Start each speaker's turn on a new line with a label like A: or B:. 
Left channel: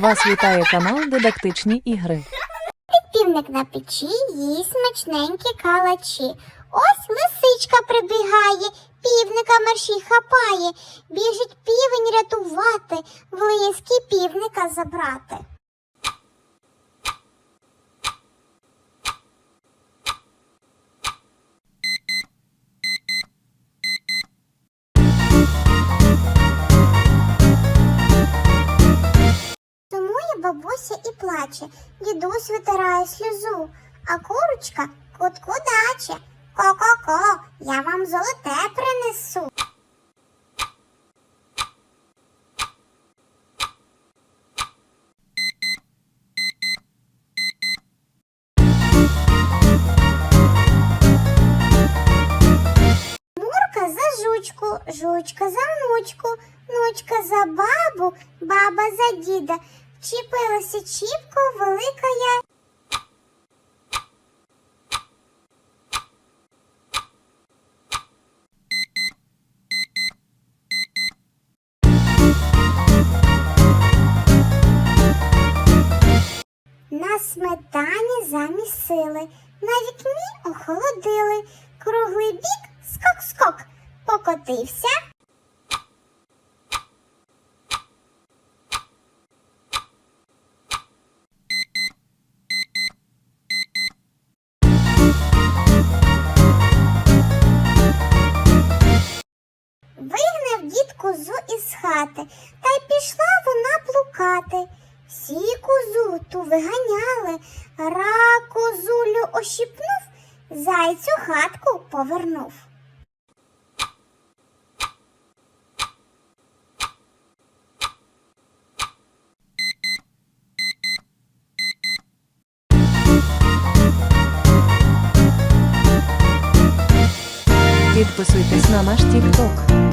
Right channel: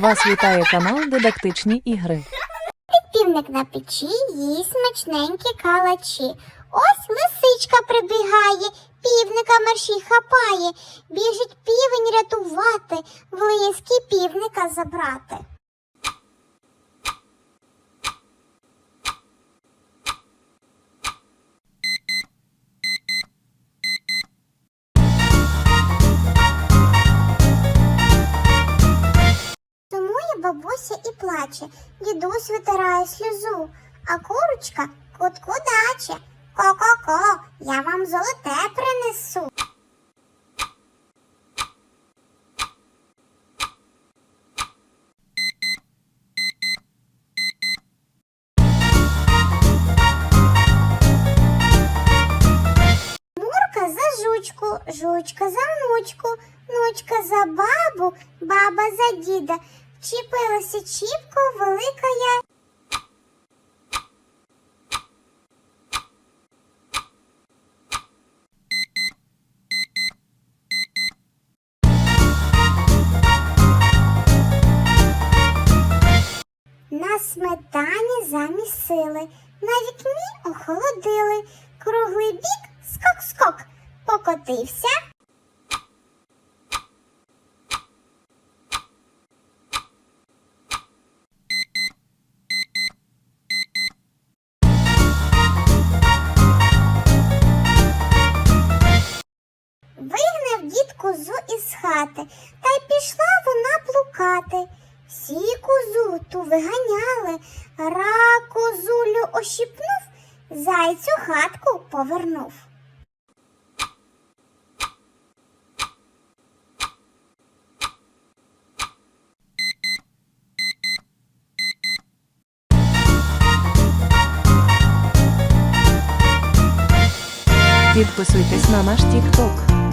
A: Вас вітає канал Дидактичні ігри.
B: Півник на печі їсть смачненькі калачі. Ось лисичка прибігає, півника мерші хапає, біжить півень рятувати, в півника забрати. Бабуся і плаче, дідусь витирає сльозу, а курочка кутку даче. Ко-ко-ко, я вам золоте принесу. Жучка за внучку, внучка за бабу, баба за діда. Вчепилася чіпко велика я. На сметані замісили, на вікні охолодили, круглий бік скок-скок, покотився. Вигнав дід козу із хати, та й пішла вона плукати. Всі козу ту виганяли, ра козулю ощипнув, зайцю хатку повернув.
A: Підписуйтесь на наш TikTok.